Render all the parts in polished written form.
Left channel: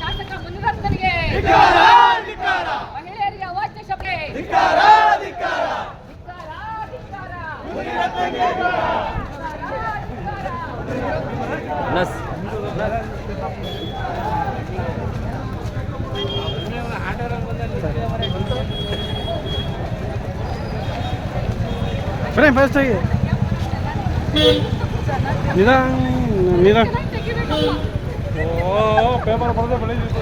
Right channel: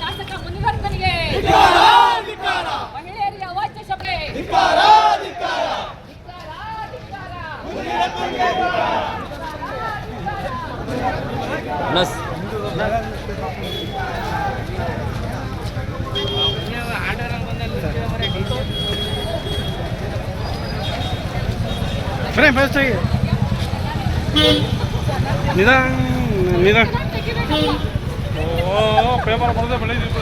ಶಾಸಕ ಮುನಿರತ್ನನಿಗೆ ಮಹಿಳೆಯರಿಗೆ ಅವಾಚ್ಯ ಶಬ್ದ ನಿಧಾನ ಪೇಪರ್ ಬರದೆ ಬೆಳೆದಿತ್ತು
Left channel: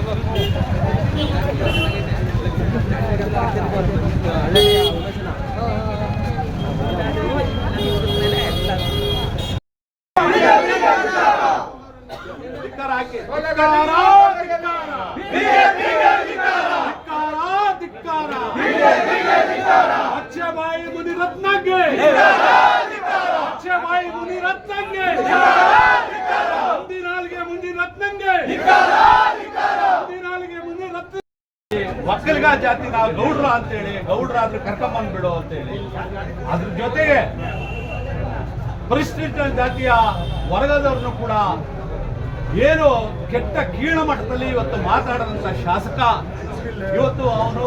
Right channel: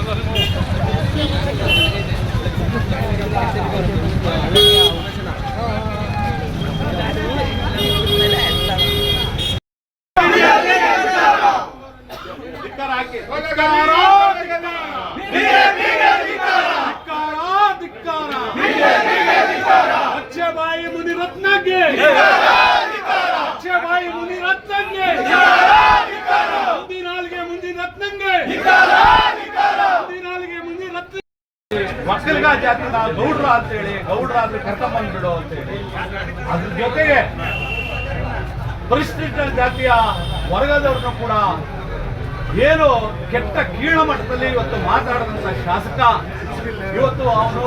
ಅಚ್ಚಬಾಯಿ ಮುನಿರತ್ನಗೆ ಅಚ್ಚಬಾಯಿ ಮುನಿರತ್ನಗೆ ಮುಂದಿನಾಲ್ಗೆ ಮುನಿರತ್ನ ಮಕ್ಕಳಿಗ ಜಾತಿ ನಾವು ಗೌಡ್ರ ಅಂತೇಳಿ ಗೌಡ್ರಾದ್ರೆ ಕರ್ಕೊಂಡ್ಬಂದ್ಬಿಡು ಅಂತೇಳಿ ಅದ್ರ ಜೊತೆಗೆ ಪರಿಶಿಷ್ಟ ಜಾತಿಯ ವರ್ಗದವ್ರನ್ನು ಕೂಡ ಏನು ಕೆಟ್ಟ ಕೀಳ ಮಟ್ಟದಲ್ಲಿ ಇವತ್ತು ಮಾತಾಡಿದಂತ ಶಾಸಕ ಇವತ್ತು ಅವನು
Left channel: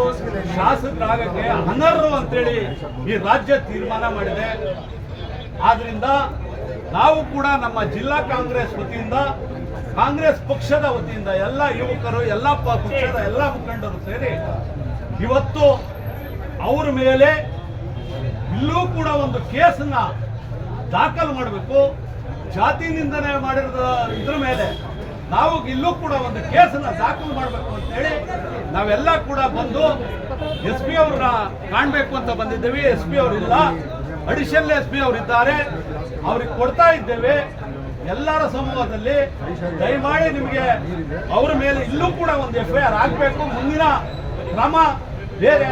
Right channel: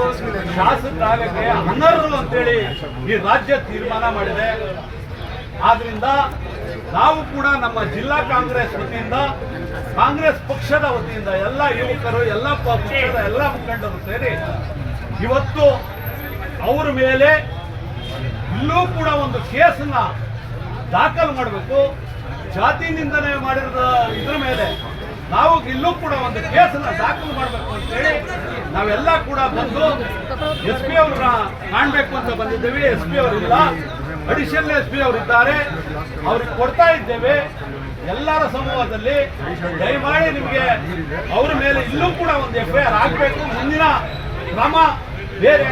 ಶಾಸಕರಾಗಕ್ಕೆ ಅನರ್ಹರು ಅಂತೇಳಿ ಈ ರಾಜ್ಯ ತೀರ್ಮಾನ ಮಾಡಿದೆ. ಆದ್ರಿಂದ ನಾವು ಕೂಡ ನಮ್ಮ ಜಿಲ್ಲಾ ಕಾಂಗ್ರೆಸ್ ವತಿಯಿಂದ ಕಾಂಗ್ರೆಸ್ ಪಕ್ಷದ ವತಿಯಿಂದ ಎಲ್ಲ ಯುವಕರು ಎಲ್ಲ ಪಕ್ಷದ ಎಲ್ಲ ಮುಖಂಡರು ಸೇರಿ ಇವತ್ತು ಅವರ ಮೇಲೆ ಇಲ್ಲೂ ಕೂಡ ಒಂದು ಕೇಸನ್ನ ದಾಖಲು ಮಾಡಬೇಕು. ಜಾತಿ ನಿಂದನೆ ಮಾಡಿದ ಇದ್ರ ಮೇಲೆ ನಾವು ಇಲ್ಲೂ ಕೂಡ ಒಂದು ಕೇಸನ್ನ ದಾಖಲು ಮಾಡಬೇಕು ಅಂತೇಳಿ ನಾವೆಲ್ಲ ಕೂಡ ಬಂದು SP ಅವ್ರನ್ನ ಕಾಣಬೇಕು ಅಂತ ಬಂದಿದ್ದೇವೆ. SP ಅವರಿಲ್ಲ, ಅಡಿಷನಲ್ SP ಅವರಿದ್ದಾರೆ, ಅವ್ರಿಗೆ ಕೊಡ್ತಾ ಇದ್ದೇವೆ. ಎಲ್ಲರ ಸಮೂಹದಲ್ಲಿ ದಯಮಾಡಿ ನಿಮಗೆ ಅವ್ರ ಮೇಲೆ ಇಲ್ಲೂ ಕೂಡ ಒಂದು FIR ಆಗಬೇಕು. ಮುಂದಿನ ಕ್ರಮ ಬೇರೆ